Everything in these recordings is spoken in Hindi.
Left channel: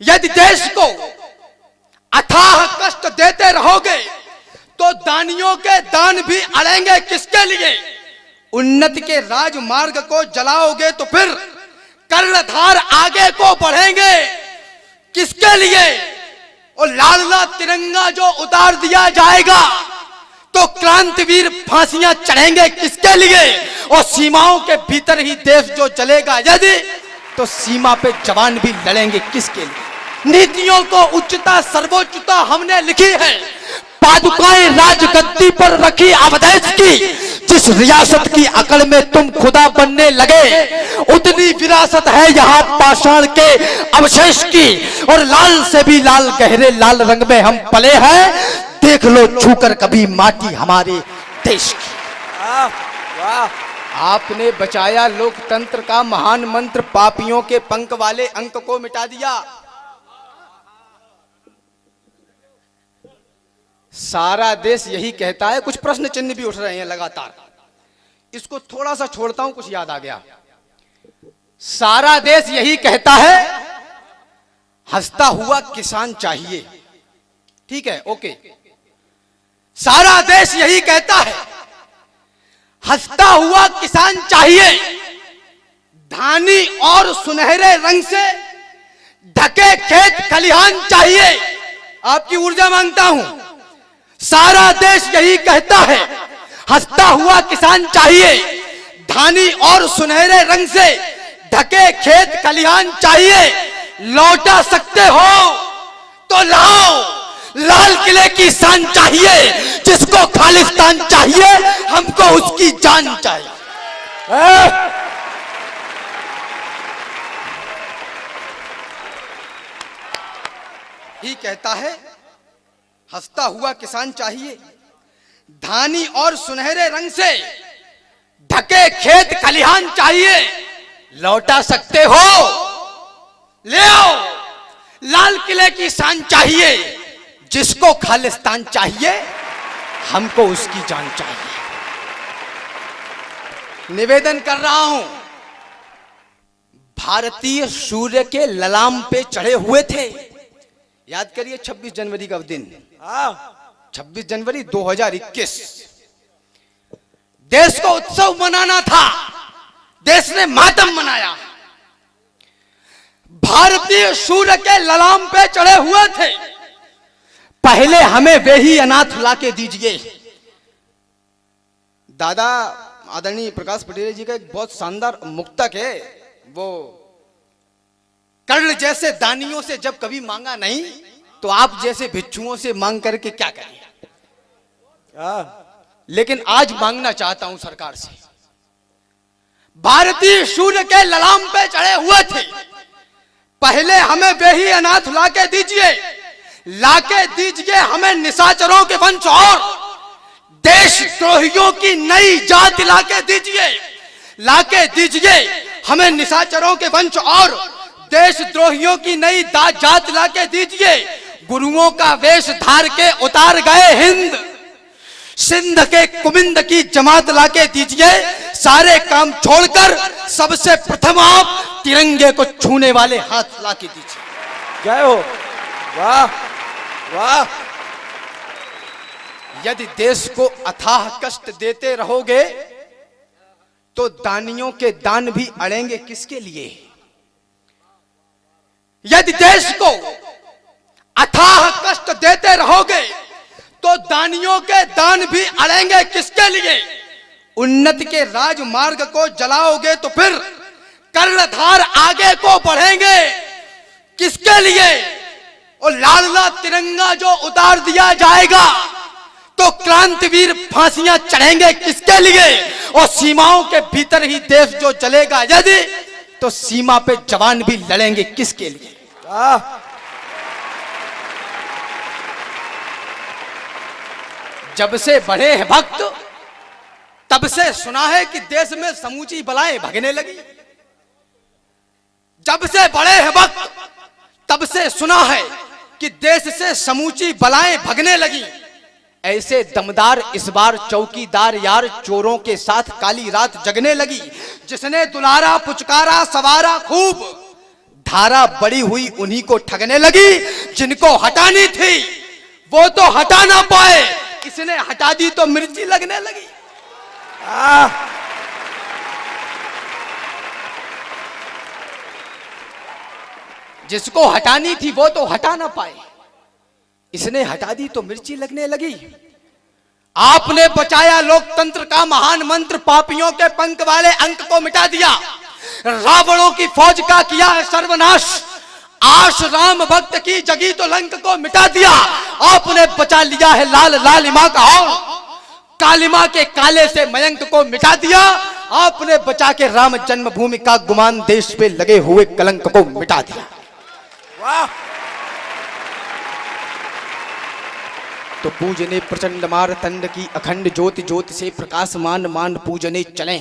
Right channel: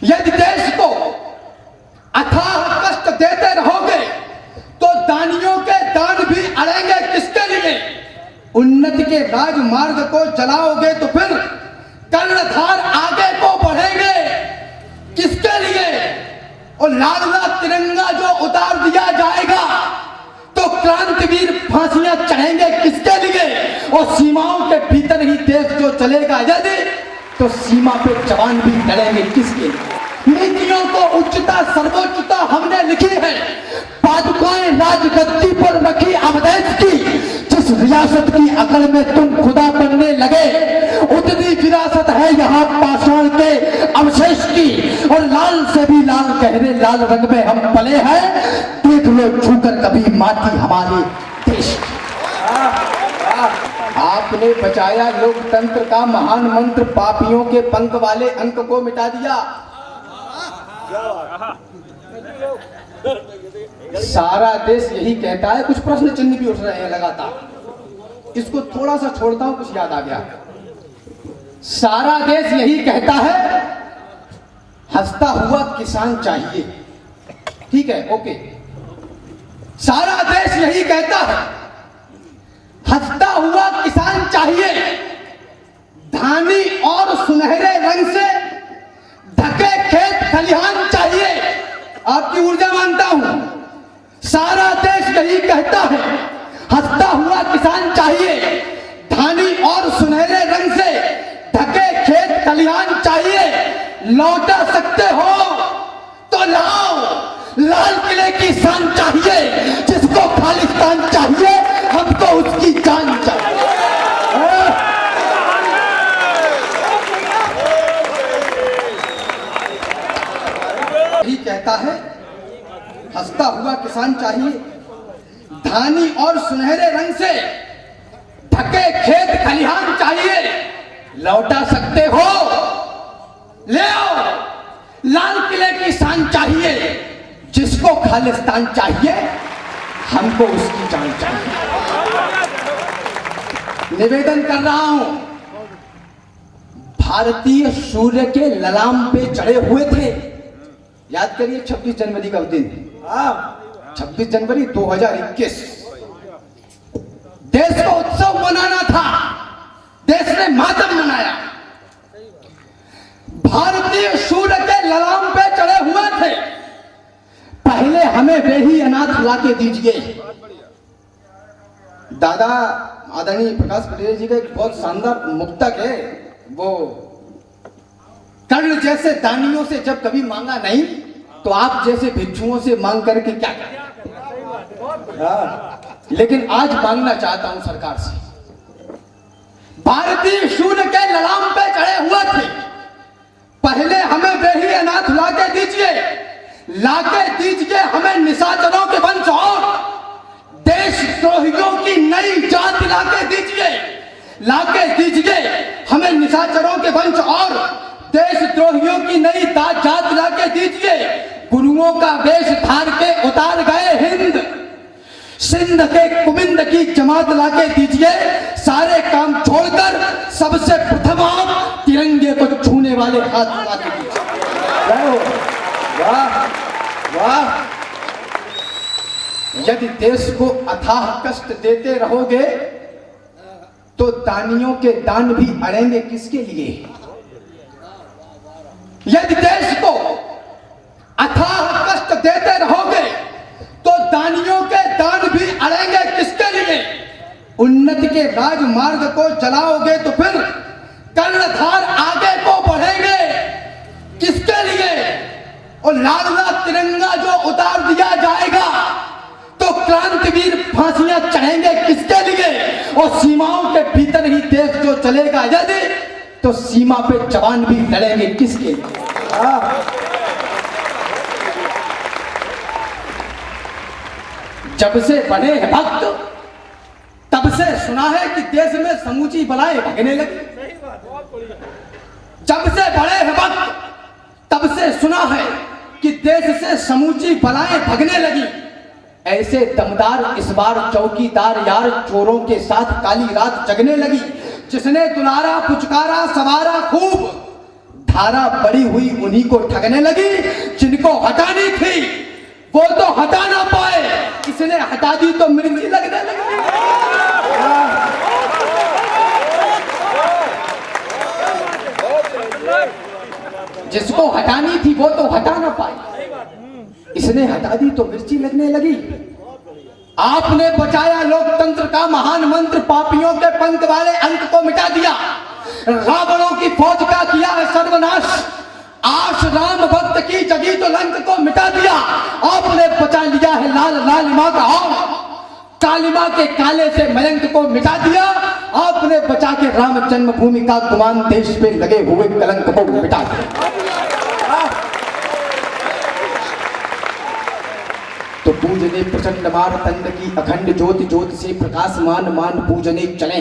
यदि देश को अथाह कष्ट देते रहोगे तो दानियों के दान भी अड़ेंगे किसके लिए? उन्नति के राजमार्ग को जलाओगे तो फिर कर्णधार आगे को बढ़ेंगे किसके लिए? और लाल लाल तिरंगा जो उतार दिया जाएगा तो क्रांतिवीर फांसियां चढ़ेंगे किसके लिए? और सीमाओं के भीतर ही देश जो चलेगा यदि, तो सीमा पे जवान भी लड़ेंगे किसके लिए? नीतियों को उच्चता सर्वोच्चता हमने लिखी है, पादुकाएं राजगद्दी पर रखी अवधेश की। जिस रियासत की अकड़ में तुम खुदा बनने लगे उतनी विरासत है यहाँ पाषाण के अवशेष की। और लाल से भी लाल गहरे लाल रंग में हम पले हैं, देख लो छूकर कभी माटी हमारे देश की। आपने बचाया लोकतंत्र का महान मंत्र, पापियों के पंख वाले अंक को मिटा दिया। सारा देश यही कहता है, कुछ प्रश्न चिन्ह भी उठ रहे हैं लगातार, इसको थोड़ा सा छोड़ता हूं, कुछ याद आ गया। सारा देश यही कहता है हंसता हुआ किसान चाहिए, ठीक है, ओके। सारा देश यही कहता है हंसता हुआ किसान चाहिए, धानी और सुनहरे रंग से ढके खेत खलिहान चाहिए। आपकी ऊर्जा मांगता हूं। सारा देश यही कहता है हंसता हुआ किसान चाहिए, धानी और सुनहरे रंग से ढके खेत खलिहान चाहिए। लौटा सकते हो तो लाओ, लाल किले की शान चाहिए। जिसको खालिस्तान चाहिए हमको उसकी जान चाहिए। ये कहता है हंसता हुआ किसान चाहिए, धानी और सुनहरे रंग से ढके खेत खलिहान चाहिए। लौटा सकते हो, ले आओ, लाल किले की शान चाहिए। जिसको खालिस्तान चाहिए हमको उसकी जान चाहिए। निवेदन कर रहा हूं, भारतीय सूर्य के ललाम पे चढ़े हुए थे। याद करिए 26 जनवरी का दिन, 26 जनवरी 2021। देश को उत्सव मनाना था, देश ने मातम मनाया। भारतीय सूर्य के ललाम पे चढ़े हुए थे, पहले हमें वे ही अनाथ लाके दीजिए। दादा आदरणीय प्रकाश पटेल जी का एक बहुत शानदार मुक्तक है, वो कर्ण जैसे दानियों से जब कभी मांगा नहीं तो आप जैसे भिक्षुओं से मांग करके क्या करें। लेकिन आज मांगना चाहता हूं सरकार से, भारतीय सूर्य के ललाम पे चढ़े हुए थे, पहले हमें वे ही अनाथ लाके दीजिए, लाके दीजिए हमें निशाचरों के वंश और देशद्रोहियों की नई जात लाके दीजिए, लाके दीजिए हमें निशाचरों के वंश और देशद्रोहियों की नई जात लाके दीजिए। गुरुओं का वेश धार के उतार गए हिंद, सिंध के कुबिंद की जमात लाके दीजिए। सारे काम छोड़कर सबसे प्रथम आप तिरंगे को छूने वाले हाथ लाके दीजिए। जय हो, वाह वाह। यदि देश को अथाह कष्ट देते रहोगे तो दानियों के दान भी अड़ेंगे किसके लिए? यदि देश को अथाह कष्ट देते रहोगे तो दानियों के दान भी अड़ेंगे किसके लिए? उन्नति के राजमार्ग को जलाओगे तो फिर कर्णधार आगे को बढ़ेंगे किसके लिए? और लाल लाल तिरंगा जो उतार दिया जाएगा तो क्रांतिवीर फांसियां चढ़ेंगे किसके लिए? और सीमाओं के भीतर ही देश जो चलेगा यदि, तो सीमा पे जवान भी लड़ेंगे किसके लिए? जब से बने हैं भक्त तब से सुना है कि देश में समूची बलाएं भगने लगी। जब से बड़े हैं भक्त तब से सुना है कि देश से समूची बलाएं भगने लगी। ऐसे दमदार इस बार चौकीदार यार चोरों के साथ काली रात जगने लगी। जिसने दुलारा पुचकारा सवारा खूब, धारा बढ़ी हुई उन्हीं को ठगने लगी, जिनको हटानी थी वो तो हटा ना पाए, इसने हटा दी तो मिर्ची लगने लगी। जिसको हटानी थी वो तो हटा ना पाए, इसने हटा दी तो मिर्ची लगने लगी। आपने बचाया लोकतंत्र का महान मंत्र, पापियों के पंख वाले अंक को मिटा दिया, रावणों की फौज का किया है सर्वनाश, आश राम भक्त की जगी तो लंक को मिटा दिया। आपने बचा लिया है लाल लालिमा का और कालिमा के काले से मयंक को मिटा दिया। आपने बचा के राम जन्मभूमि का गुमान देश पे लगे हुए कलंक को मिटा दिया। तो पूजने प्रचंड मार्तंड की अखंड ज्योति, ज्योति से प्रकाशमान मान पूजने चले।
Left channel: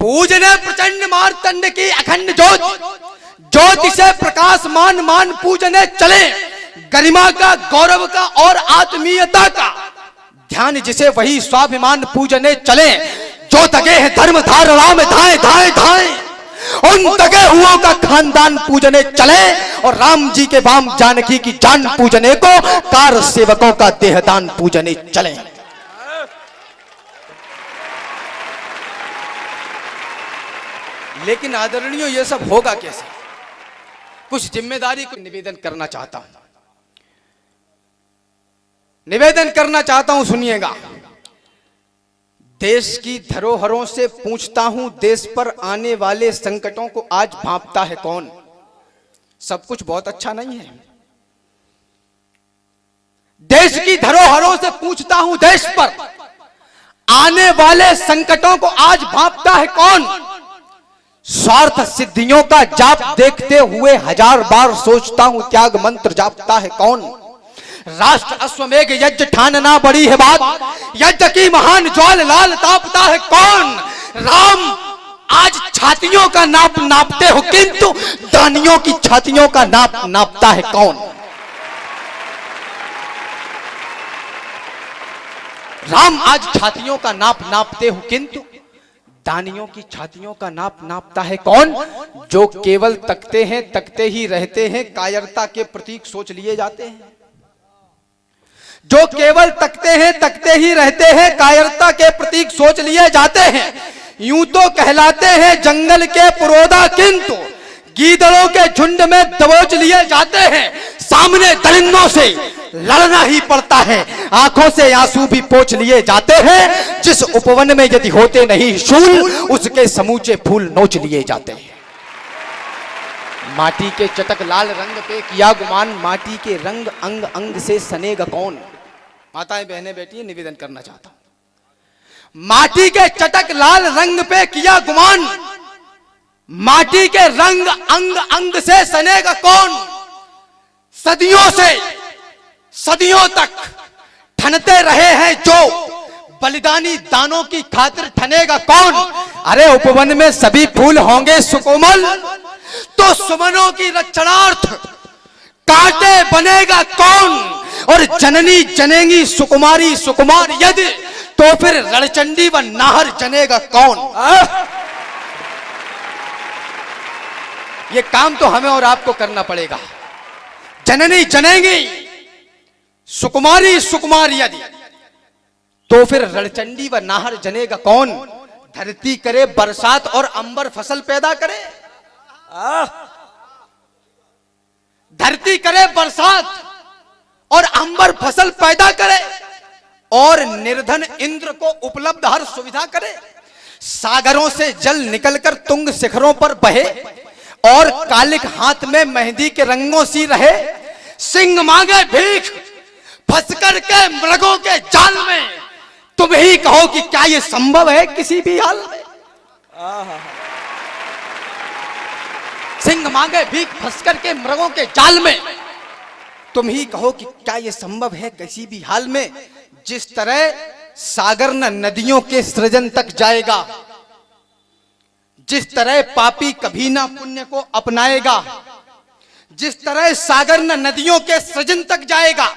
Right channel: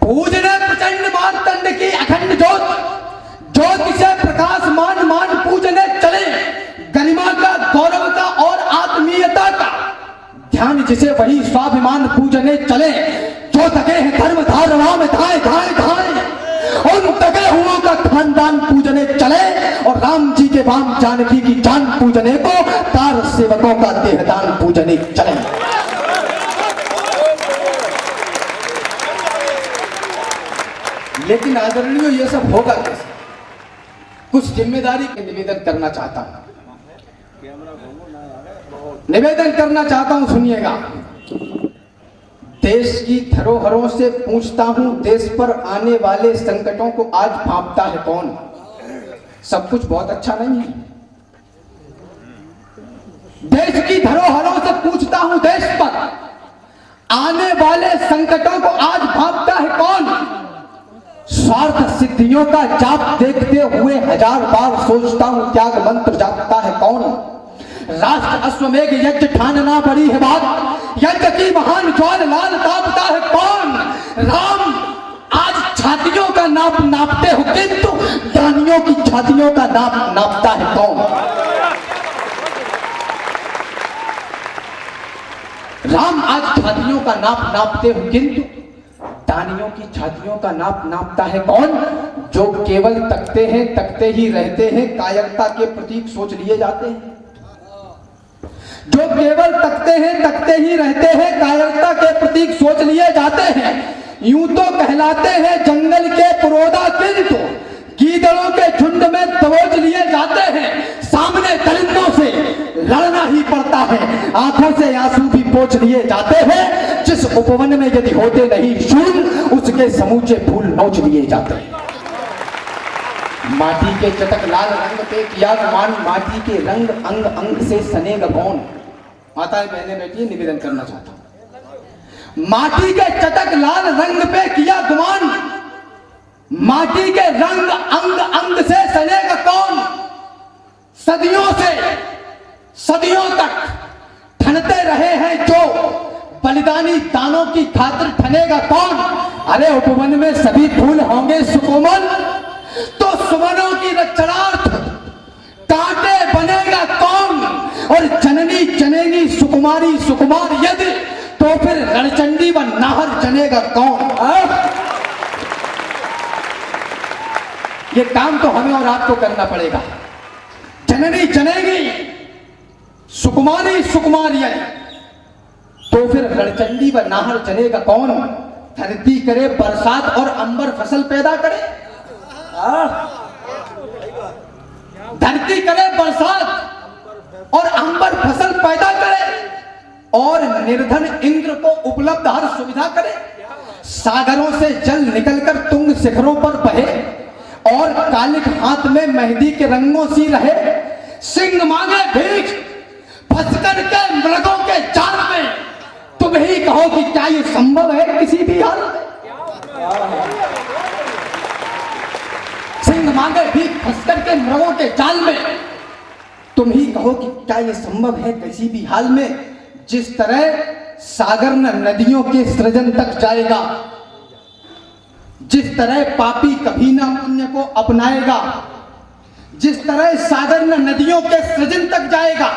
पूजने प्रचंड मार्तंड की अखंड ज्योति, ज्योति से प्रकाशमान मान पूजने चले। गरिमा का, गौरव का और आत्मीयता का ध्यान जिसे वही स्वाभिमान पूजने चले। जो दगे हैं धर्म धार राम धाए धाए धाए, उन दगे हुओं का खानदान पूजने चले। और राम जी के वाम जानकी की जान पूजने को कार सेवकों का देहदान पूजने चले। लेकिन आदरणीय ये सब होगा कैसे? कुछ जिम्मेदारी का निवेदन करना चाहता हूं, निवेदन करना चाहता हूं, सुनिएगा। देश की धरोहरों से पूछता हूं, देश पर आने वाले संकटों को आज भांपता है कौन? सब कुछ बहुत अच्छा नहीं है। देश की धरोहरों से पूछता हूं, देश पर आने वाले संकटों को आज भांपता है कौन? स्वार्थ सिद्धियों का जाप देखते हुए हजार बार सोचता हूं, त्याग मंत्र जापता है कौन? राष्ट्र अश्वमेघ यज्ञ ठानना बड़ी है बात, यज्ञ की महान ज्वाल लाल तापता है कौन? राम आज छातियों का नाप नापते हो, किंतु दानियों की छातियों का नाप नापता है कौन? राम आज छातियों का नाप नापते हो, किंतु दानियों की छातियों का नाप नापता है कौन? जो केवल तकते हैं, तकते ही रहते हैं, कायरता के प्रतीक सोच लिए जाते हैं। जो केवल तकते हैं, तकते ही रहते हैं, कायरता के प्रतीक सोच लिए जाते हैं। यूं तो कहलाते हैं जंगल के पुरोधा, किंतु गीदड़ों के झुंड में दबोच लिए जाते हैं। सामने दरिंदों से लड़ना ही पड़ता है, आंखों से आंसू भी पोंछ लिए जाते हैं। जिस उपवन में यदि होते नहीं शूल, उसके समूचे फूल नोच लिए जाते हैं। माटी के चटक लाल रंग पे किया गुमान, माटी के रंग अंग अंग से सनेगा कौन? माताएं बहनें बैठी, निवेदन करना चाहता हूं। माटी के चटक लाल रंग पे किया गुमान, माटी के रंग अंग अंग से सनेगा कौन? सदियों से सदियों तक ठनते रहे हैं जो बलिदानी दानों की खातिर ठनेगा कौन? अरे उपवन में सभी फूल होंगे सुकोमल, तो सुमनों की रक्षणार्थ कांटे बनेगा कौन? और जननी जनेगी सुकुमारी सुकुमार यदि, तो फिर रणचंडी व नाहर जनेगा कौन? ये काम तो हमें और आपको करना पड़ेगा। जननी जनेगी सुकुमारी सुकुमार यदि, तो फिर रणचंडी व नाहर जनेगा कौन? धरती करे बरसात और अंबर फसल पैदा करे, धरती करे बरसात और अंबर फसल पैदा करे, और निर्धन इंद्र को उपलब्ध हर सुविधा करे। सागरों से जल निकलकर तुंग शिखरों पर बहे, और कालिक हाथ में मेहंदी के रंगों सी रहे। सिंह मांगे भीख फंस कर के मृगों के जाल में, तुम ही कहो कि क्या ये संभव है किसी भी हाल में? सिंह मांगे भीख फंस कर के मृगों के जाल में, तुम ही कहो कि क्या ये संभव है किसी भी हाल में? जिस तरह सागर न नदियों के सृजन तक जाएगा, जिस तरह पापी कभी ना पुण्य को अपनाएगा, जिस तरह सागर न नदियों के सृजन तक जाएगा,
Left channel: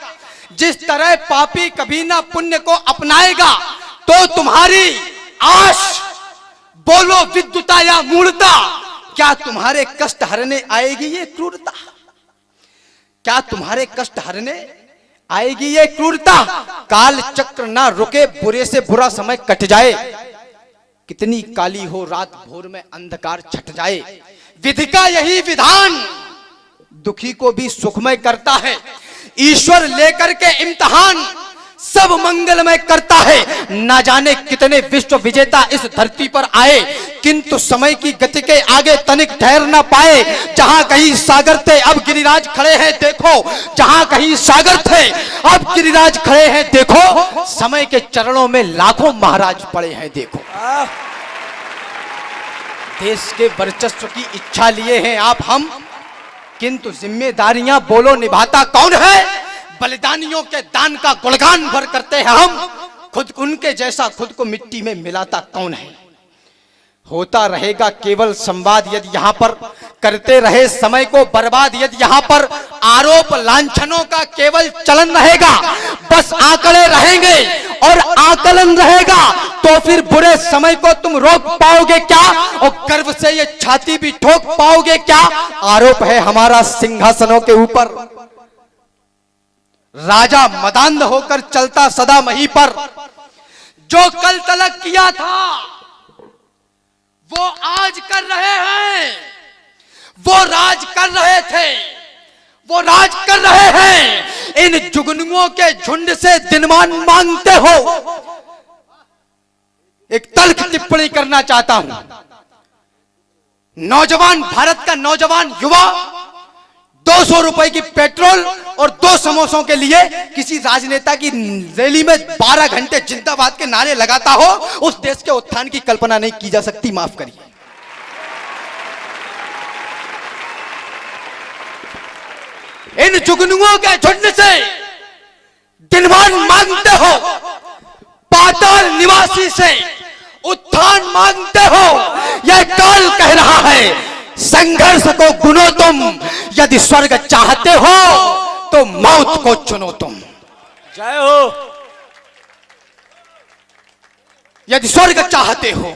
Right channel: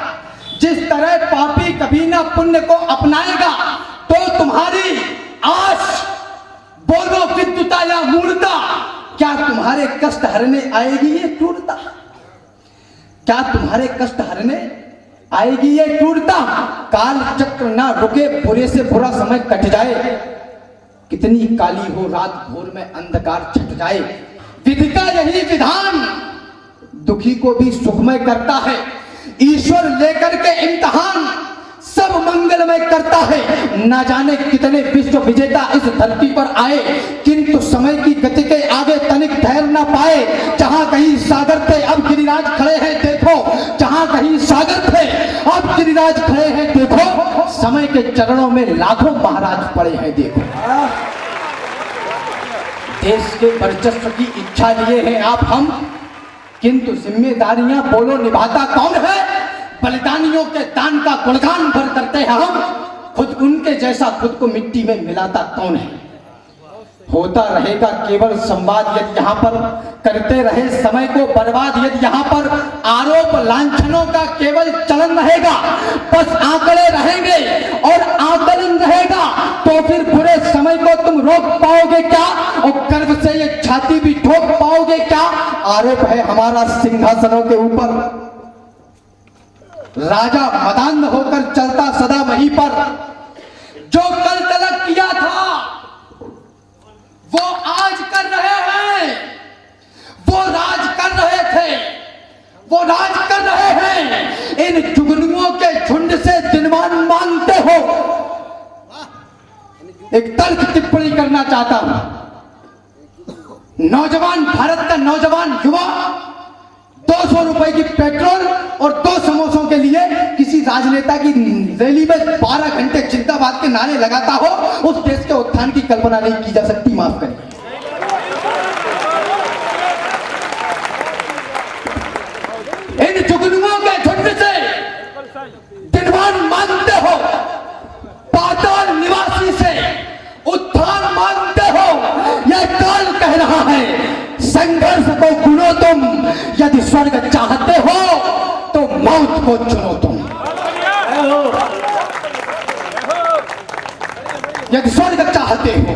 जिस तरह पापी कभी ना पुण्य को अपनाएगा, तो तुम्हारी आश बोलो विद्युता या मूर्ता, क्या तुम्हारे कष्ट हरने आएगी ये क्रूरता? क्या तुम्हारे कष्ट हरने आएगी ये क्रूरता? काल चक्र ना रुके, बुरे से बुरा समय कट जाए, कितनी काली हो रात, भोर में अंधकार छट जाए। विधि का यही विधान दुखी को भी सुखमय करता है। ईश्वर लेकर के इम्तिहान सब मंगलमय करता है। ना जाने कितने विश्व विजेता इस धरती पर आए, किंतु समय की गति के आगे तनिक ठहर ना पाए। जहां कहीं सागर थे अब गिरिराज खड़े हैं देखो, जहां कहीं सागर थे अब गिरिराज खड़े हैं देखो। समय के चरणों में लाखों महाराज पड़े हैं देखो। देश के वर्चस्व की इच्छा लिए हैं आप हम, किंतु जिम्मेदारियां बोलो निभाता कौन है? बलिदानियों के दान का गुणगान भर करते हैं हम, खुद उनके जैसा खुद को मिट्टी में मिलाता कौन है? होता रहेगा केवल संवाद यदि यहाँ पर करते रहे समय को बर्बाद, यदि यहाँ पर आरोप लांछनों का केवल चलन रहेगा, बस आंकड़े रहेंगे और आकलन रहेगा, तो फिर बुरे समय को तुम रोक पाओगे क्या? और गर्व से ये छाती भी ठोक पाओगे क्या? आरोप है हमारा सिंहासनों के ऊपर, राजा मदान्ध होकर चलता सदा वहीं पर। जो कल तलक किया था वो आज कर रहे हैं, वो राज कर रहे थे, वो राज कर रहे हैं। इन जुगनुओं के झुंड से दिनमान मांगते हो। एक तल्ख टिप्पणी करना चाहता हूं। नौजवान, भारत का नौजवान युवा 200 रुपए की पेट्रोल और 2 समोसों के लिए किसी राजनेता की रैली में 12 घंटे जिंदाबाद के नारे लगाता हो, उस देश के उत्थान की कल्पना नहीं की जा सकती। माफ करिए। इन जुगनुओं के झुंड से दिनमान मांगते हो, पाताल निवासी से उत्थान मांगते हो। यह काल कह रहा है संघर्ष को चुनो तुम, यदि स्वर्ग चाहते हो तो मौत को चुनो तुम। यदि स्वर्ग चाहते हो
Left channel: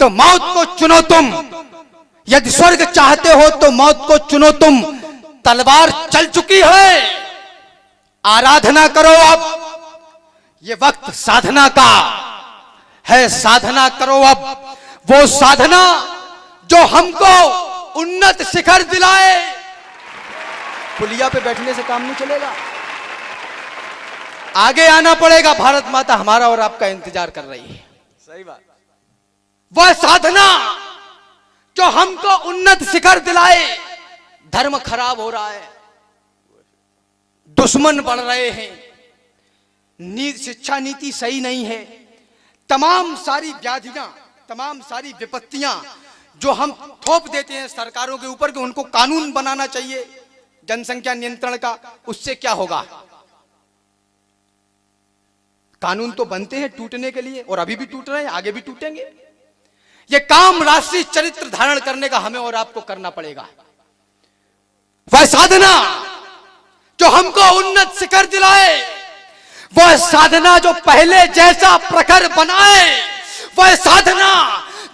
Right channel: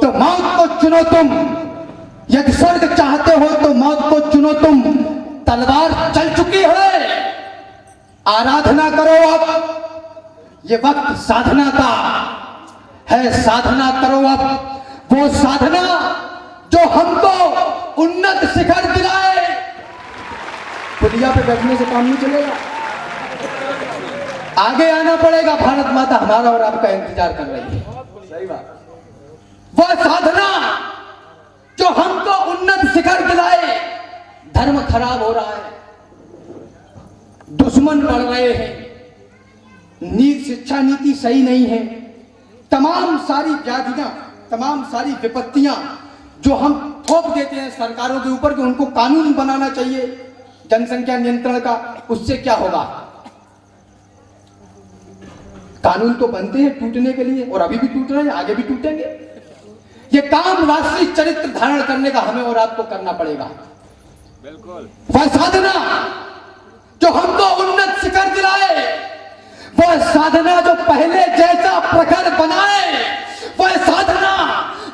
तो मौत को चुनो तुम, यदि स्वर्ग चाहते हो तो मौत को चुनो तुम। तलवार चल चुकी है, आराधना करो अब, ये वक्त साधना का है। साधना करो अब, वो साधना जो हमको उन्नत शिखर दिलाए। पुलिया पे बैठने से काम नहीं चलेगा, आगे आना पड़ेगा। भारत माता हमारा और आपका इंतजार कर रही है। सही बात। वह साधना जो हमको उन्नत शिखर दिलाए। धर्म खराब हो रहा है, दुश्मन बढ़ रहे हैं, नीति शिक्षा नीति सही नहीं है, तमाम सारी व्याधियां, तमाम सारी विपत्तियां जो हम थोप देते हैं सरकारों के ऊपर कि उनको कानून बनाना चाहिए जनसंख्या नियंत्रण का, उससे क्या होगा? कानून तो बनते हैं टूटने के लिए और अभी भी टूट रहे हैं, आगे भी टूटेंगे। ये काम राष्ट्रीय चरित्र धारण करने का हमें और आपको करना पड़ेगा। वह साधना जो हमको उन्नत शिखर दिलाए, वह साधना जो पहले जैसा प्रखर बनाए, वह साधना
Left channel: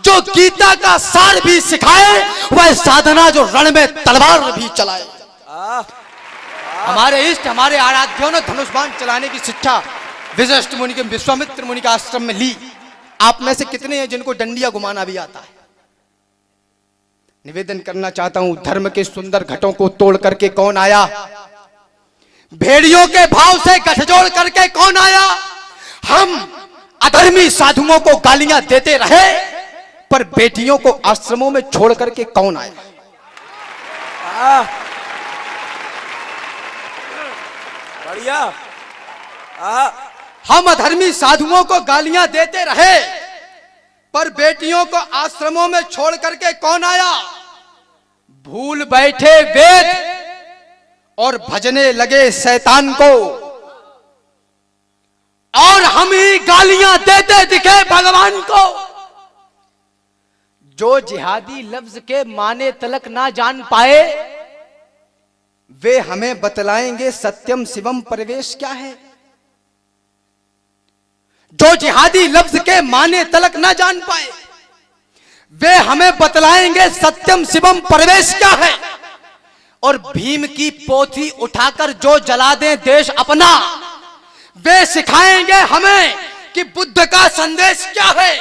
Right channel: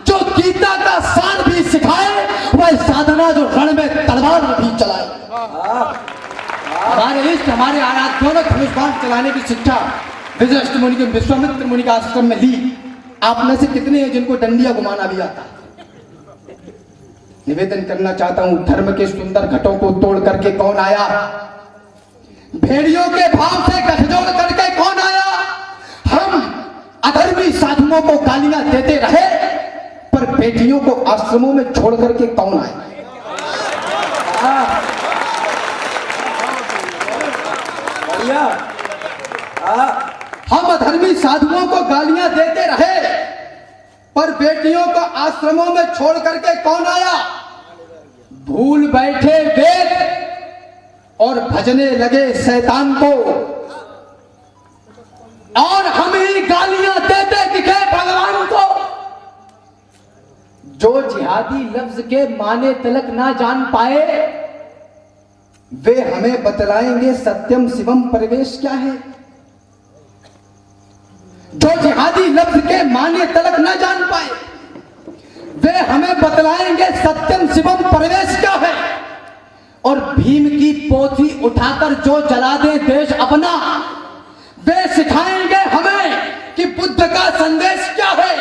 जो गीता का सार भी सिखाए, वह साधना जो रण में तलवार भी चलाए। हमारे इष्ट, हमारे आराध्यों ने धनुष बाण चलाने की शिक्षा वशिष्ठ मुनि के, विश्वामित्र मुनि का आश्रम में ली। आप में से कितने हैं जिनको डंडिया घुमाना भी आता है? निवेदन करना चाहता हूं, धर्म के सुंदर घटों को तोड़ करके कौन आया? भेड़ियों के भाव से गठजोड़ करके कौन आया? हम अधर्मी साधुओं को गालियां देते रहे, पर बेटियों को आश्रमों में छोड़ करके कौन आया? हम अधर्मी साधुओं को गालियां देते रहे, पर बेटियों को आश्रमों में छोड़ करके कौन आया? भूल बैठे वेद और भजने लगे शैतान को, और हम ही गालियां देते दिखे भगवान को। जो जिहादी लफ्ज के माने तलक ना जान पाए, वे हमें बतलाएंगे सत्यम शिवम प्रवेश क्या है। जो जिहादी लफ्ज के माने तलक ना जान पाए, वे हमें बतलाएंगे सत्यम शिवम परवेश क्या है। और भीम की पोथी उठाकर जो जला दे देश अपना, वे सिखाएंगे हमें कि बुद्ध का संदेश क्या है।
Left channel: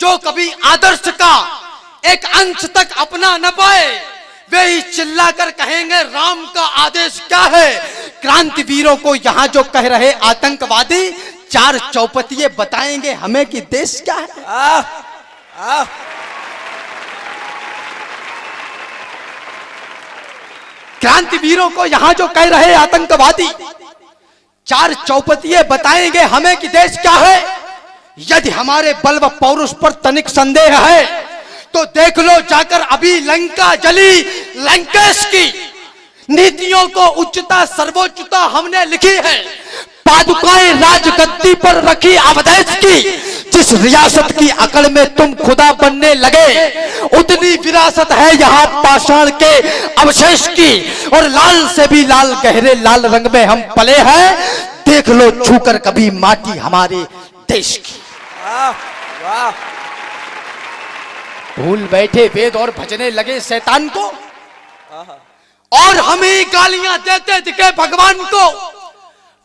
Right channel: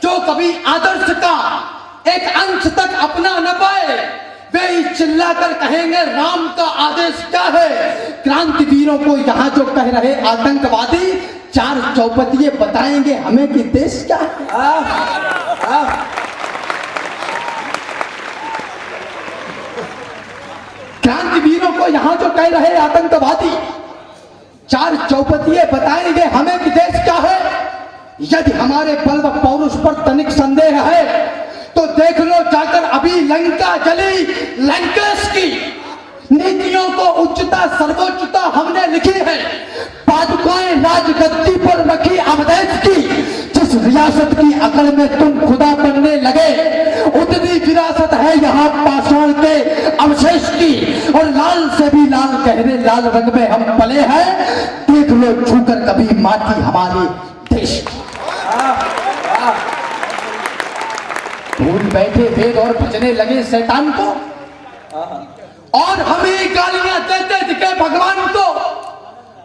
जो कभी आदर्श का एक अंश तक अपना न पाए, वे चिल्लाकर कहेंगे राम का आदेश क्या है। क्रांतिवीरों को यहाँ जो कह रहे आतंकवादी, चार चौपतिये बताएंगे हमें कि देश क्या है। क्रांतिवीरों को यहाँ जो कह रहे आतंकवादी, चार चौपतिये बताएंगे हमें कि देश क्या है। यदि हमारे बल व पौरुष पर तनिक संदेह है तो देख लो जाकर अभी लंका जली। लंकेश की नीतियों को उच्चता सर्वोच्चता हमने लिखी है। पादुकाएं राजगद्दी पर रखी अवधेश की। जिस रियासत की अकड़ में तुम खुदा बनने लगे, उतनी विरासत है यहाँ पाषाण के अवशेष की। और लाल से भी लाल गहरे लाल रंग में हम पले हैं। देख लो छूकर कभी माटी हमारे देश की। भूल बैठे वेद और भजने लगे शैतान को, और हमें गालियां देते दिखे भगवान को।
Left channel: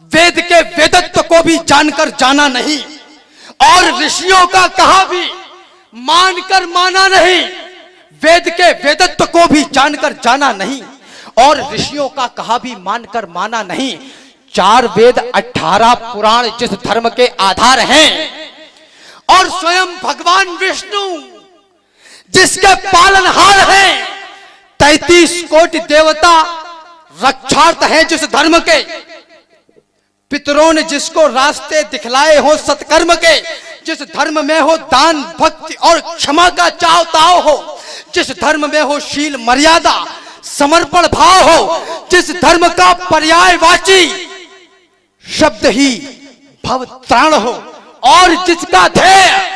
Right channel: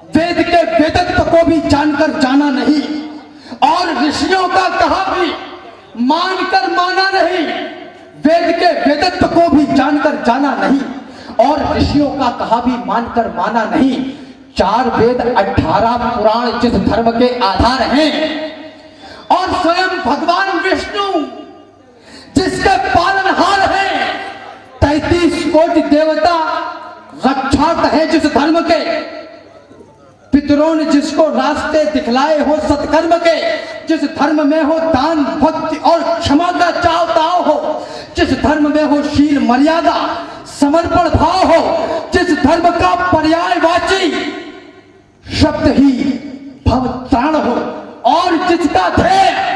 वेद के वेदत्व को भी जानकर जाना नहीं, और ऋषियों का कहा भी मानकर माना नहीं। वेद के वेदत्व को भी जानकर जाना नहीं, और ऋषियों का कहा भी मानकर माना नहीं। 4 वेद 18 पुराण जिस धर्म के आधार हैं, और स्वयं भगवान विष्णु जिसके पालनहार हैं। 33 कोटि देवता रक्षार्थ हैं जिस धर्म के। पितरों ने जिसको रास्ते दिखलाए हो सत्कर्म के, जिस धर्म में हो दान भक्ति और क्षमा का चाव ताव हो, जिस धर्म में हो शील मर्यादा समर्पण भाव हो, जिस धर्म का पर्यायवाची शब्द ही भव त्राण हो, और जिसका ध्येय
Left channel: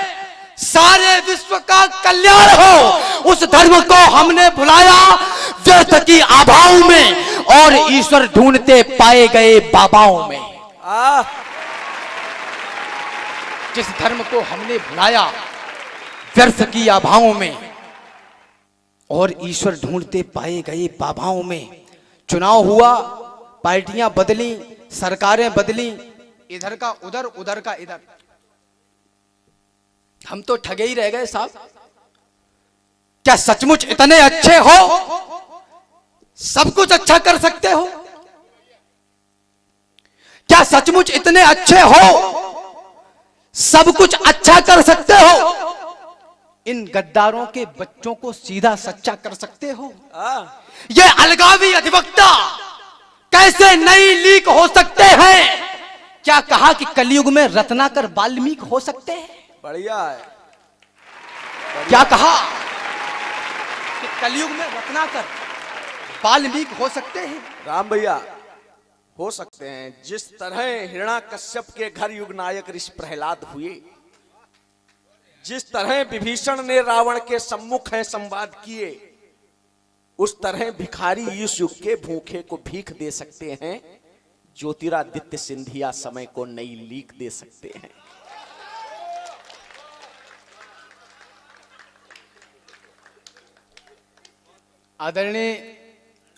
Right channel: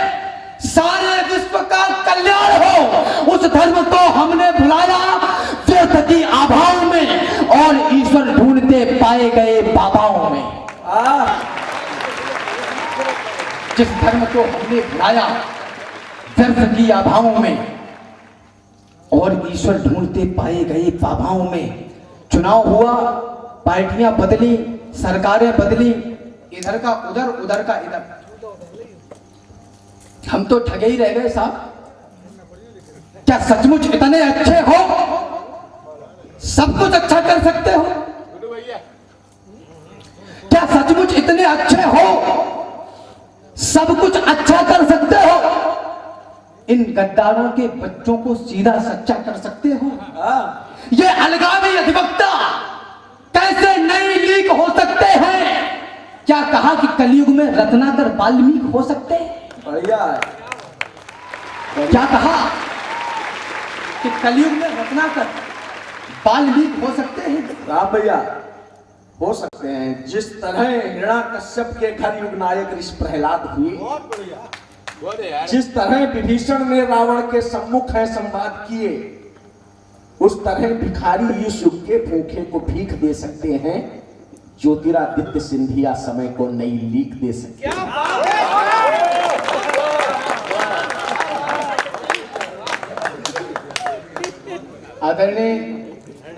सारे विश्व का कल्याण हो, उस धर्म को हमने भुलाया व्यर्थ की आभाओं में, और ईश्वर ढूंढते पाए गए बाबाओं में। जिस धर्म को हमने भुलाया व्यर्थ की आभाओं में, और ईश्वर ढूंढते पाए गए बाबाओं में। चुनाव हुआ, पार्टियां बदली, सरकारें बदली, इधर का उधर उधर का इधर, हम तो ठगे ही रह गए साहब। क्या सचमुच इतने अच्छे हो, सब कुछ अच्छा कर सकते हो? क्या सचमुच इतने अच्छे हो, सब कुछ अच्छा कर सकते हो? इन गद्दारों के बच्चों को सीधा सच्चा कर सकते हो? ये अलगावी अधिवक्ता कैसे नई लीक हो सकते हैं? क्या कहा कि कलयुग में रत्नाकर वाल्मीकि हो सकते हैं? बढ़िया है। क्या कहा कि कलयुग में रत्नाकर वाल्मीकि हो सकते हैं? राम भैया हो सकते हैं। जिस तरह हिरण्याकश्यप के घर युग नायक ऋषि प्रहलाद हुए, जिस तरह विभीषण ने रावण के सम्मुख है संवाद किए, उस तरह भिखारी इस युग के भूखे को भीख दे सकते हैं। ज्योतिरादित्य सिंधिया समय को नई लीक दे सकते हैं। आदरणीय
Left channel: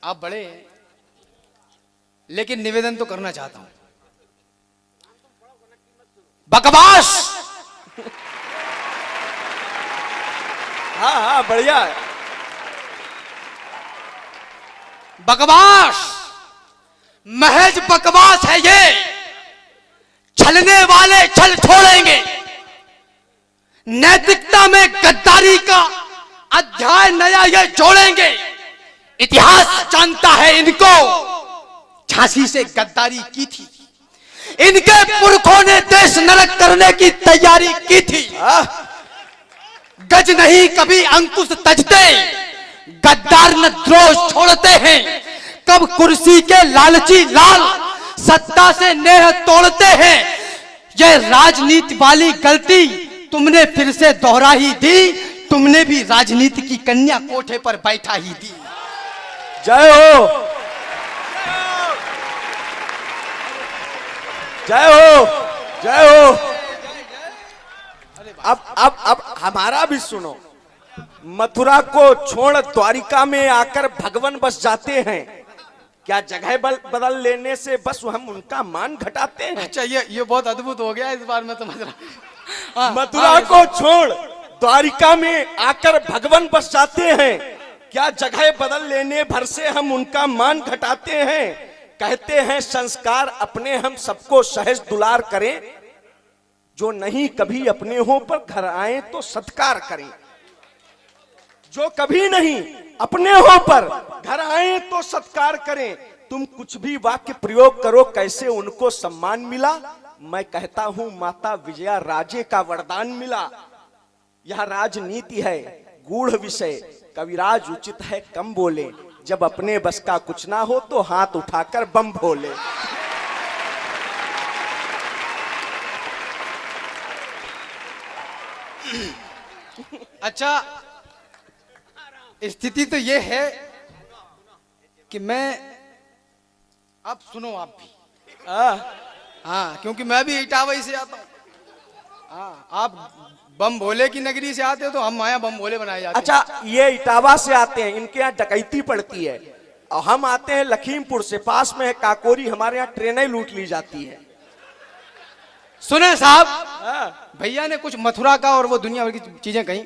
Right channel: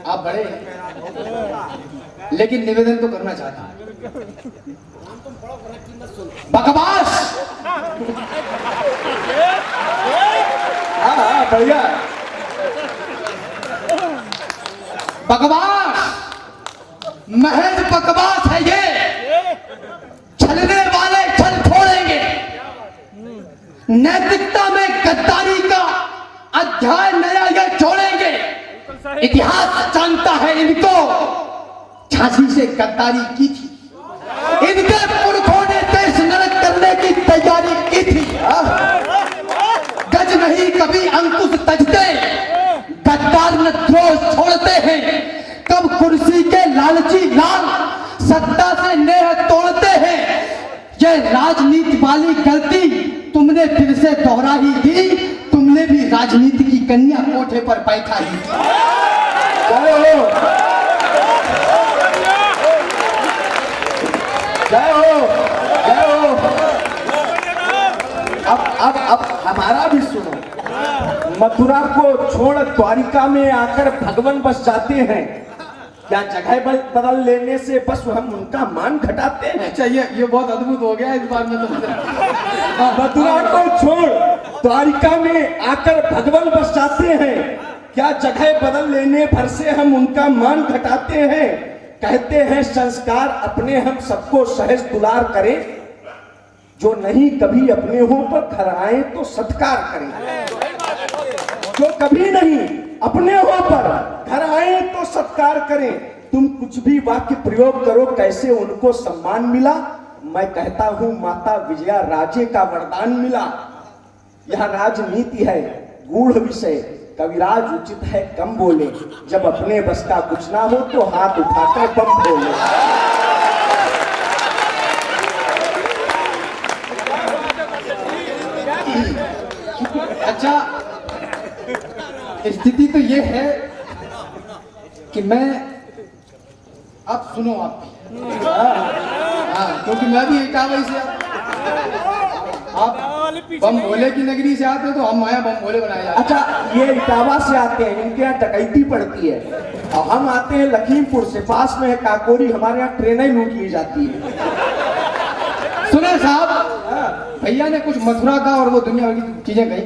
आप बड़े, लेकिन निवेदन तो करना चाहता हूं। बकवास हाँ बढ़िया। बकवास, महज बकवास है ये। छलने वाले छल छोड़ेंगे। नैतिकता में गद्दारी का अध्याय नया ये छोड़ेंगे। इतिहास जानता है इनको, झांसी से गद्दारी की थी। इनके पुरखों ने देश नरक करने की तैयारी की थी। गज नहीं कभी अंकुश तजते, गद्दार न द्रोह छोड़ते हैं। कब कुर्सी के लालची लाल सत्ता से नेह तोड़ते हैं। ये राजनीति वाली गलती तुमने फिर से दोहरा ही दी। तुमने भी राजनीति की कन्या कोठे पर बैठा ही थी। जय हो, जय हो, जय हो। अब हमारा भी सुनो। मथुरा को छोड़ द्वारिका में आकर भगवान बस जाते हैं, क्या जगह बदल लेने से बस हम उनका मान घटाते हैं? अच्छा, ये बहुत अद्भुत हो गया इस बार में तो। मथुरा को छोड़ द्वारिका में आकर भगवान बस जाते हैं, क्या जगह बदल लेने भर से हम उनका मान घटाते हैं? कहते हैं संस्कार अपने हम सबको सहज दुलार करें, जो नहीं कभी अपने हो पर घर आए तो सत्कार करें। जो कभी नहीं अपने हो पर घर आए तो सत्कार करें। तुम कुछ भी वाक्य प्रयोग करो, कैसे उनको सम्मान मिला? मैं कहता हूं माता विजया राजे का वरदान मिला। यह राजनीति है गूढ़ विषय, कविराज उचित है कम बोले, जब अपने बस का कुछ ना हो तो हाथ उठाकर बम फोड़े। अच्छा, स्थिति तो ये है कि मैं, आप सुनो आप भी, हाँ, क्योंकि मैं भी इटावा से आप बम भोले की नगरी से आते हो तो हम आया बम भोले बनाए जाते। अच्छा, ये इटावा से आते हैं, इनके यहाँ डकैती पड़ती है, और हम आते हैं लखीमपुर से, पास में है काकोरी, हमारे यहाँ ट्रेनें लूट ली जाती है। सुने साहब, भैया ने कुछ मथुरा का और वो दुनिया भर की चीजें कही,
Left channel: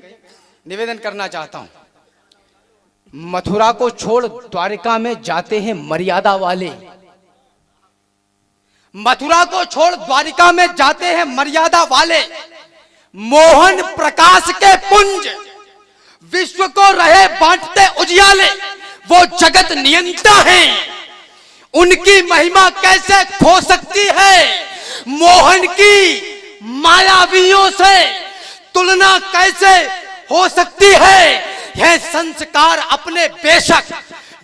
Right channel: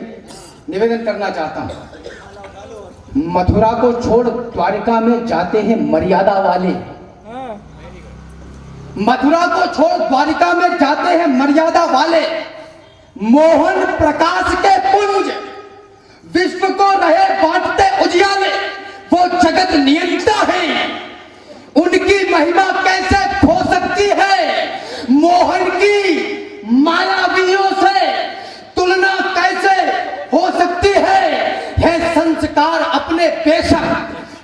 निवेदन करना चाहता हूं। मथुरा को छोड़ द्वारिका में जाते हैं मर्यादा वाले, मथुरा को छोड़ द्वारिका में जाते हैं मर्यादा वाले, मोहन प्रकाश के पुंज विश्व को रहे बांटते उजियाले, वो जगत नियंता है, उनकी महिमा कैसे हो सकती है? मोहन की मायावियों से तुलना कैसे हो सकती है? यह संस्कार अपने बेशक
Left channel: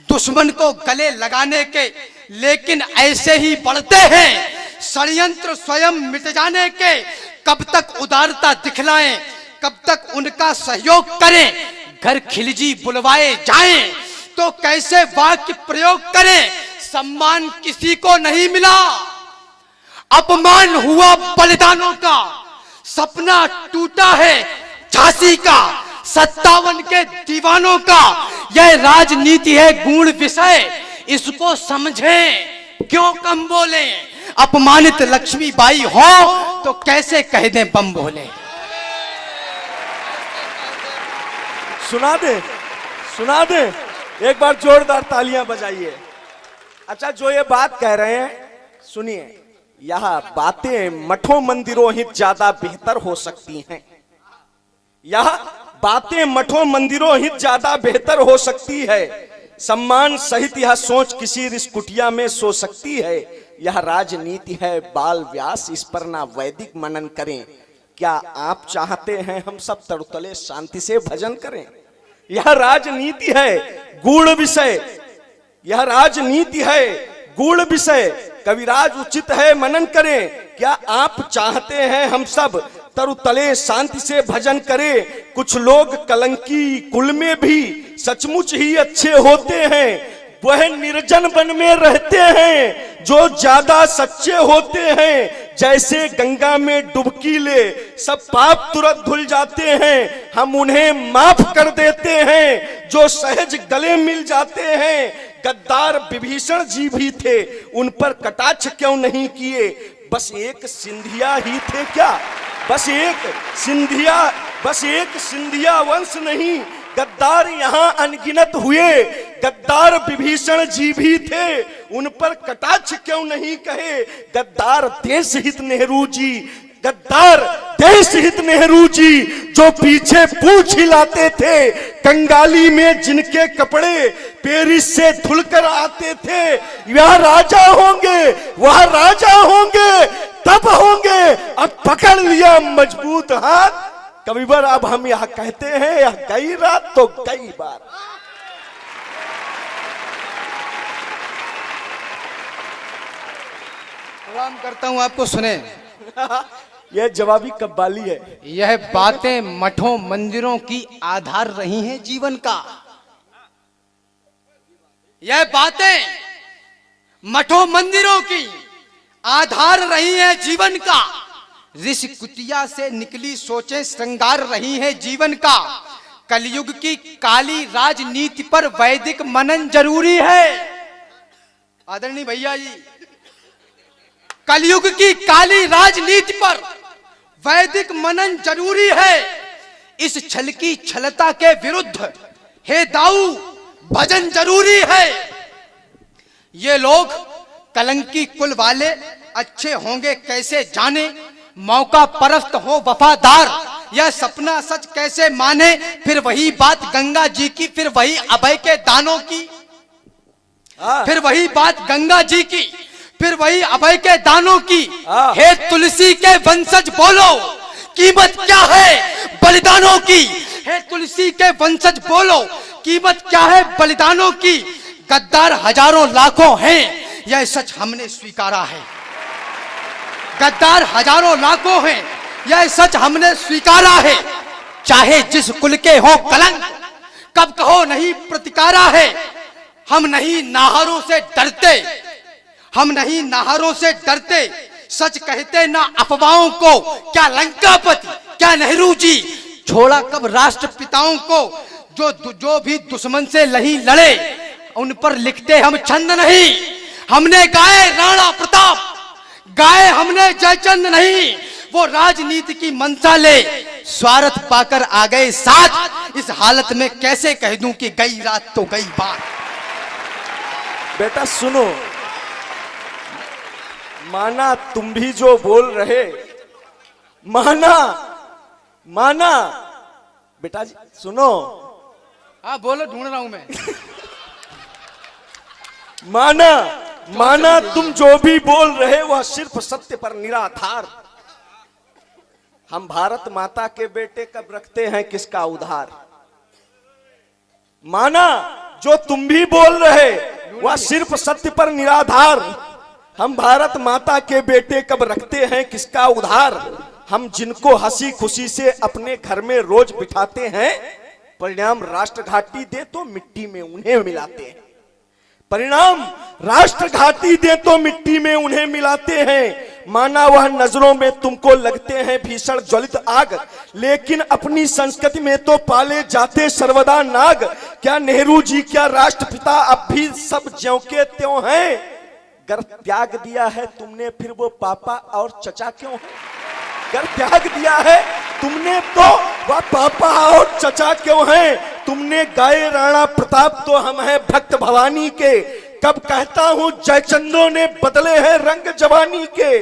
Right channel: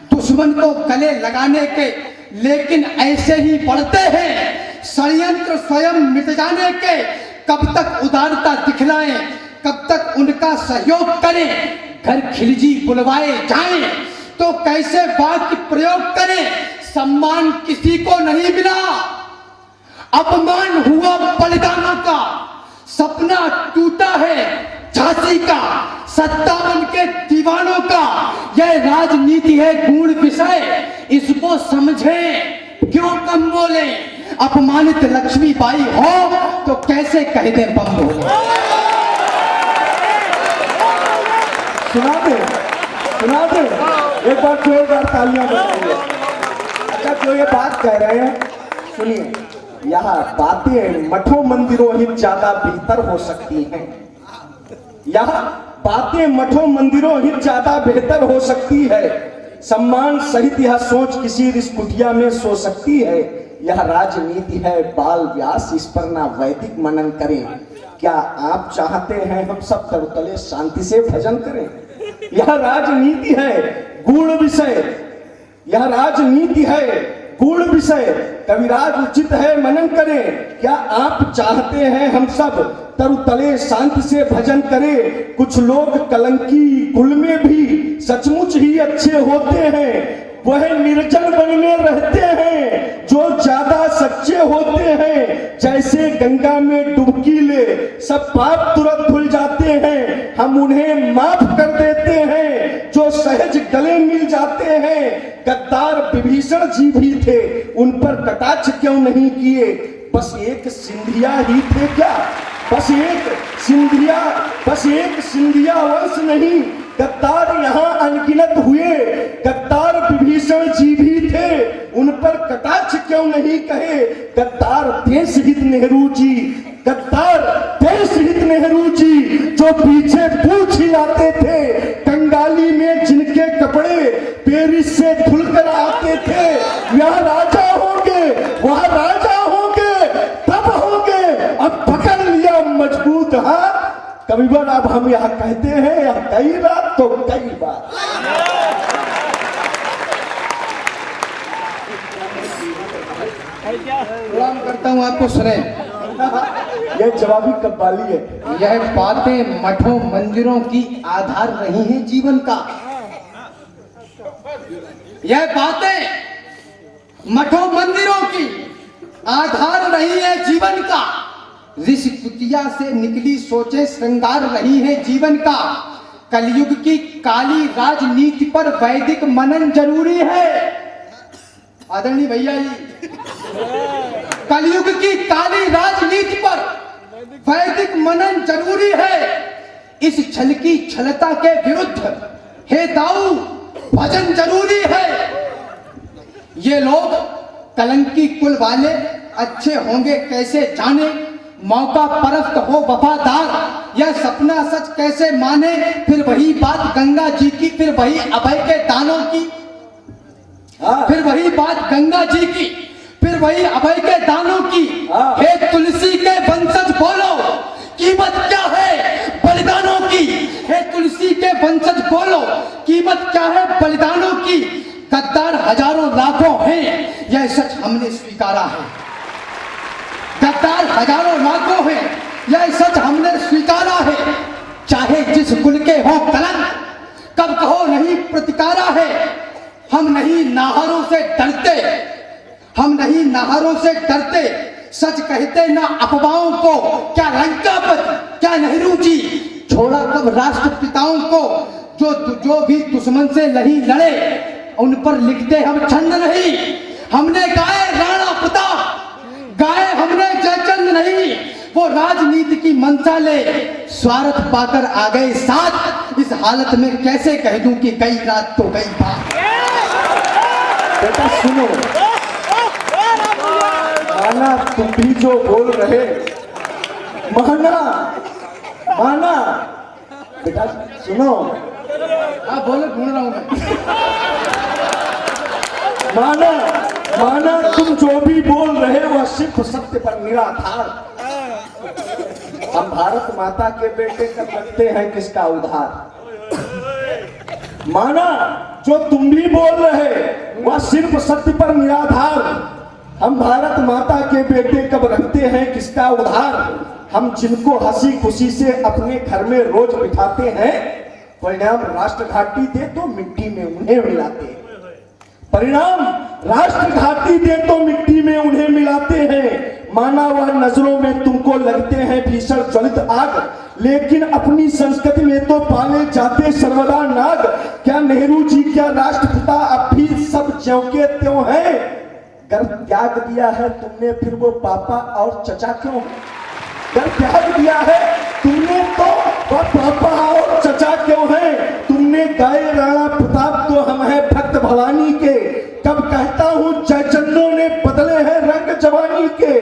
दुश्मन को गले लगाने के, लेकिन ऐसे ही बढ़ते हैं षड्यंत्र स्वयं मिट जाने के। कब तक उदारता दिखलाएं, कब तक उनका सहयोग करें? घर खिलजी बुलवाए जाएं तो कैसे वाक्य प्रयोग करें? सम्मान किसी को नहीं मिला, अपमान हुआ बलिदानों का, सपना टूटा है झांसी का 57 के दीवानों का। यह राजनीति है गूढ़ विषय, इसको समझें, क्यों कम बोले? अपमानित लक्ष्मीबाई हो तो कैसे कह दे बम बोले? सुना दे, सुना दे, एक बार जोरदार तालियां बजाइए। अच्छा, जो ये बात कह रहे हैं सुनिए, यह बातें मठों मंदिरों ही ज्यादा बेहतर हो सकती हैं। यह बातें मठों मंदिरों ही ज्यादा बेहतर हो सकती है। सम्मान सहित यह सोच किसी रिस्कुटिया में सो सकती है। यह राजनीति है बाल व्यास, इस पर ना वैदिक मनन करें। क्या आप चाहते हैं हम सब तरुतले शांति से भजन करें? यह राजनीति है गूढ़ विषय, यह राजनीति है गूढ़ विषय, कविराज उचित है मनन करें। क्या आप चाहते हैं हम सब तरुतले शांति से भजन करें? कुछ लोग कलंकी कुल में भी सचमुच ही अच्छे होते हैं, वह निर्जन वन में रहते हैं जो ज्यादा सच्चे होते हैं। जैसे गंगा में डुबकी ले सब पाप तुरंत धुल जाते हैं, हम उन्हें माफ कर देते हैं जो सहज गले मिल जाते हैं। गद्दार विभीषण जी भी थे, उन पर कटाक्ष क्यों नहीं किए? बस एक सिंधिया ही थे क्या? बस एक सिंधिया वंश नहीं, गद्दार यहाँ अनगिनत हुए। गद्दार विभीषण जी भी थे, उन पर कटाक्ष क्यों नहीं कहे? गद्दार देशहित नेहरू जी, गद्दार देशहित नेहरू जी जो पीछे पूंछ हिलाते थे, कंगाली में जिनके कपड़े पेरिस से धुलकर आते थे। वह राजा होंगे, वह राजा होंगे, तब होंगे। अब पकड़ लिया मजबूत हाथ। कई बार अब हम यहाँ कहते हैं, या कई रात तो कई बार। करता हूँ आपको सुने, ये जवाबी कव्वाली है। यह बातें मठों मंदिरों की आधार रही हैं जीवन का। यह बातें मठों मंदिरों की आधार रही है जीवन का। ऋषि कुटिया से निकली सोचे श्रृंगार रही है जीवन का। कलयुग की काली राजनीति पर वैदिक मनन जरूरी है। आदरणीय भैया जी, कलयुग की काली राजनीति पर वैदिक मनन जरूरी है। इस छल की छलता के विरुद्ध हे दाऊ भजन जरूरी है। ये लोग कलंकी कुल वाले अच्छे होंगे कैसे जाने, मौका परस्त हो वफादार, यह सपना सच कैसे माने। फिर वही बात गंगा जी की, फिर वही अभय के दानों की, फिर वही बात गंगा जी की, फिर वही अभय के दानों की। हे तुलसी के वंशज बोलो, कीमत क्या है बलिदानों की। हे तुलसी के वंशज बोलो, कीमत क्या है बलिदानों की। गद्दार हजारों लाखों हैं, यह सच हमने स्वीकारा है। गद्दार हजारों लाखों हैं, यह सच हमने स्वीकारा है। चाहे जिस कुल के हो कलंक, कब कहो नहीं प्रतिकारा है। हम नहीं नाहरों से डरते, हम नहीं नाहरों से डरते, सच कहते ना अफवाहों को। क्या लंकापति, क्या नेहरू जी, छोड़ा कब राष्ट्रपिताओं को। जो भी दुश्मन से नहीं लड़े, उन पर लिखते हम छंद नहीं। हमने गाए राणा प्रताप, गाए हमने जयचंद नहीं। वो राजनीति की मंशा ले स्वार्थ पाकर आ गए साथ। इस हालत में कैसे कह दूं कि गई रात तो गई बात। बेटा सुनो, माना तुम भी जो बोल रहे, माना माना बेटा सुनो। हाँ बोलो, ढूंढ रहा हूं मैं। माना माना तुम जो भी बोल रहे वह सिर्फ सत्य पर निराधार। हम भारत माता के बेटे कर लगते हैं किसका उद्धार। माना जो तुम भी बोल रहे वह सिर्फ सत्य पर निराधार। हम भारत माता के बेटे कब रखते हैं किसका उद्धार। हम जिनको हंसी खुशी से अपने घर में रोज बिठाते हैं, परिणाम राष्ट्र घाटी दे तो मिट्टी में उन्हें मिलाते हैं। परिणाम राष्ट्र घाटी दे तो मिट्टी में उन्हें मिलाते हैं। माना वह नजरों में तुमको लगते हैं भीषण ज्वलित आग, लेकिन अपनी संस्कृति में तो पाले जाते सर्वदा नाग। क्या नेहरू जी, क्या राष्ट्रपिता अब भी सब ज्यों के त्यों हैं। गर्भ त्याग दिया है तुमने, फिर वो पापा और चचा क्यों। गर्भ त्याग दिया है तुमने, तो वह पापा और चचा क्यों हैं। तुमने गाए राणा प्रताप, तो हम हैं भक्त भवानी के। कब कहता हूं जयचंदों ने बदले हैं रंग जवानी के।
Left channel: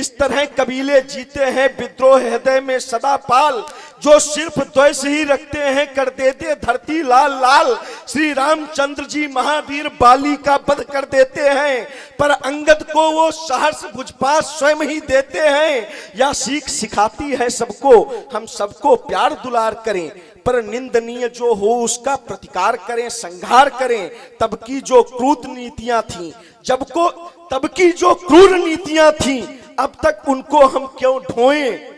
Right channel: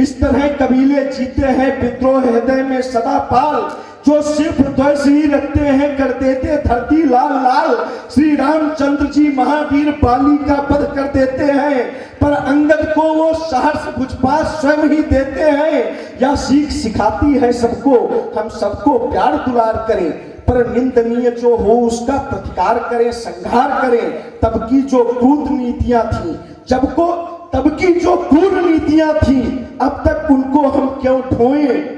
इस तरह कबीले जीते हैं विद्रोह हृदय में सदा पाल। जो सिर्फ द्वेष ही रखते हैं कर देते धरती लाल लाल। श्री रामचंद्र जी महावीर बाली का वध कर देते हैं, पर अंगद को वो सहर्ष भुजपात स्वयं ही देते हैं। यह सीख सिखाती है सबको, हम सबको प्यार दुलार करें, पर निंदनीय जो हो उसका प्रतिकार करें, संहार करें। तब की जो क्रूर नीतियां थी, तब की जो क्रूर नीतियां थी, अब तक उनको हम क्यों ढोएं।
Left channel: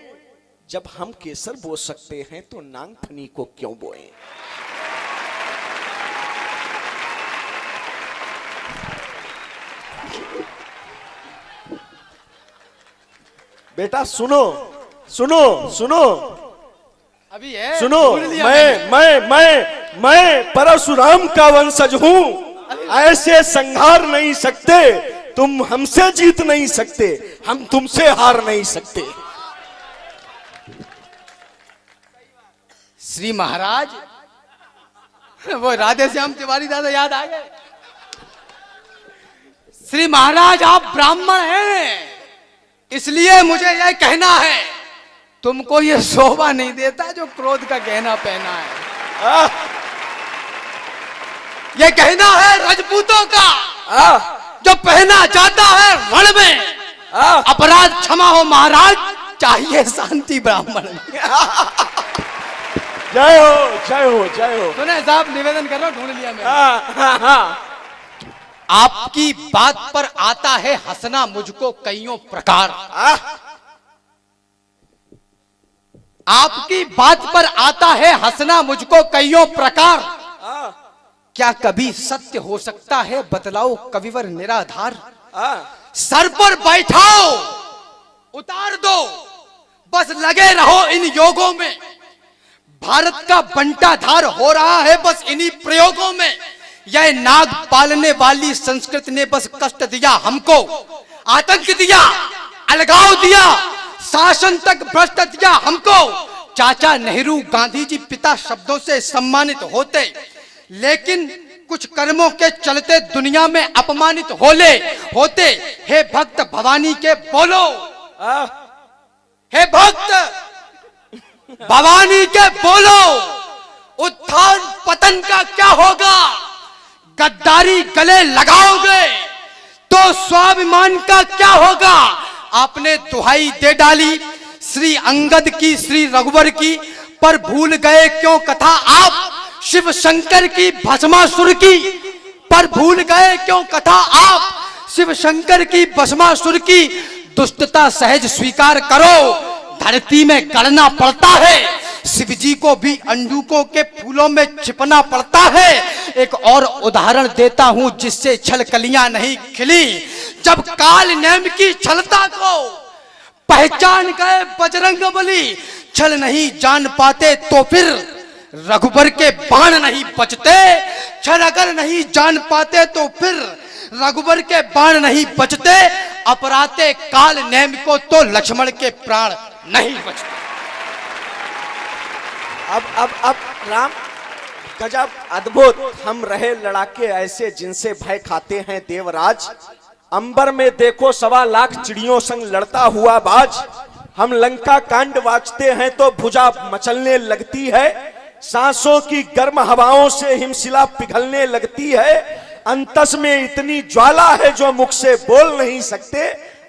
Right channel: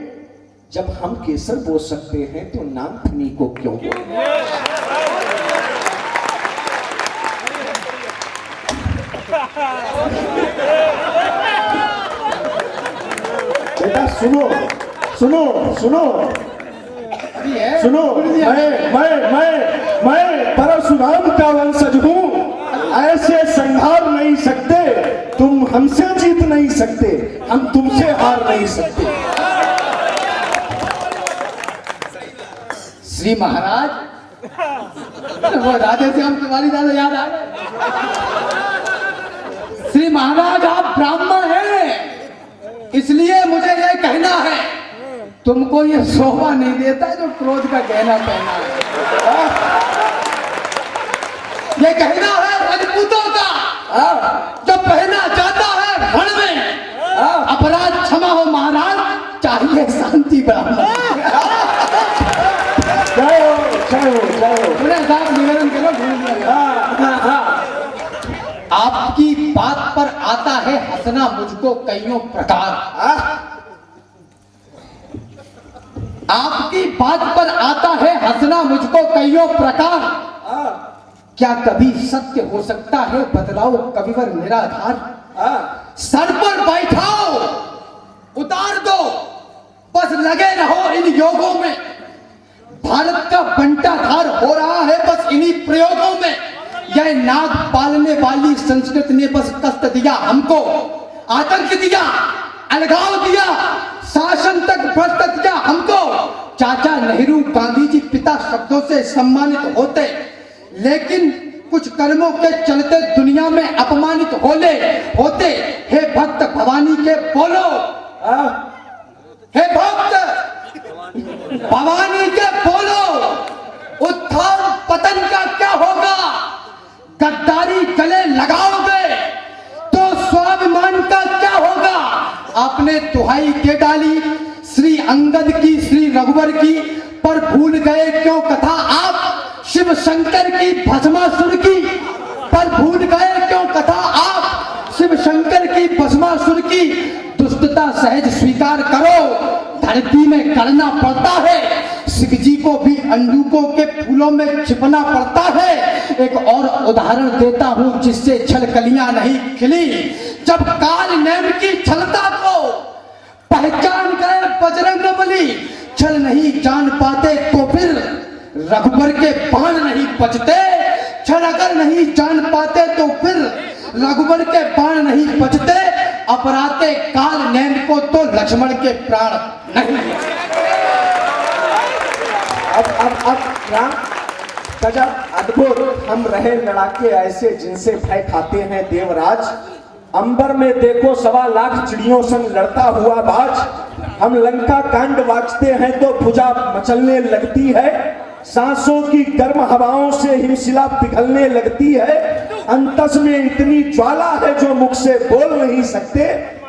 जब हम केसर बो सकते हैं तो नागफनी को क्यों बोलें। बेटा सुनो सुनो सुनो सुनो, मैं परशुराम का वंशज हूं। ऐसे संहार नहीं सकते, तुम हमसे जीत नहीं सकते, हम तुमसे हार नहीं सकते। श्री महाराज, वो राधे से हम तिवारी दादा याद आ गए। श्री महाराज आप ब्राह्मण हैं, इसलिए मुझे यह कहना है, तुमको ये शोभा नहीं देता जो क्रोध का गहना पहना है। ये कहना है राजपूतों का, जो पहना जाता है रण में। अपराध क्षमा हो महाराज, चाहिए शांति ब्राह्मण। जय हो जय हो जय हो। साहब निवेदन करो। आपकी बात पर आता है हंसना मुझको कईयों प्रकार। आपकी बात पर आता है हंसना मुझको कईयों प्रकार। क्या कभी सत्य हो सकता है बदलाओ कविवर निराधार। सर पर बैठाओ उतार दो, बस लगे रहो इन योगों में। भारत का बंटाधार हो रहा है बस इन्हीं प्रयोगों में। यह नाग पालने वाली संस्कृति ने बस कष्ट दिया हमको, आतंक दिया, अलगाव दिया, शासन तक भ्रष्ट किया हमको। चाचा नेहरू गांधी जी पिता शब्दों से सम्मानित होते, लेकिन कुछ कर्मों के चलते दुनिया में अपमानित होते। हे भक्त भवानी के बोलो, हे भक्त भवानी के बोलो, उत्थान पतन का क्या होगा? गद्दारी गले लगाओगे तो स्वाभिमान का क्या होगा? आपने दुहाई दे डाली श्री अंगद की, श्री रघुवर की, पर भूल गए क्यों कथा आप शिव शंकर की, भस्मासुर की? पर भूल गए क्यों कथा आप शिव शंकर की, भस्मासुर की? दुष्टता सहज स्वीकार करो, धरती में करना पड़ता है। शिव जी को भी अंडूकों के फूलों में छिपना पड़ता है। एक और उदाहरण देता हूं जिससे छलकलियां नहीं खिली। जब काल नेम की छलता को पहचान गए बजरंगबली, छल नहीं जान पाते तो फिर रघुबर के बाण नहीं बचते। छल अगर नहीं जान पाते तो फिर रघुबर के बाण नहीं बचते। अपराते काल नेम को तो लक्ष्मण के प्राण नहीं बचते। अब राम गजब अद्भुत। हम रहे लड़ाके ऐसे जिनसे भय खाते हैं देवराज। अंबर में देखो 1.25 लाख चिड़ियों संग लड़ता हुआ बाज। हम लंका कांड वाचते हैं तो भुजा मचलने लगती है। सांसों की गर्म हवाओं से हिमशिला पिघलने लगती है। अंतस में इतनी ज्वाला है जो मुख से बोल नहीं सकते।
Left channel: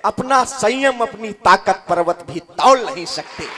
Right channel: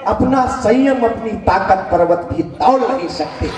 अपना संयम अपनी ताकत पर्वत भी तौल नहीं सकते।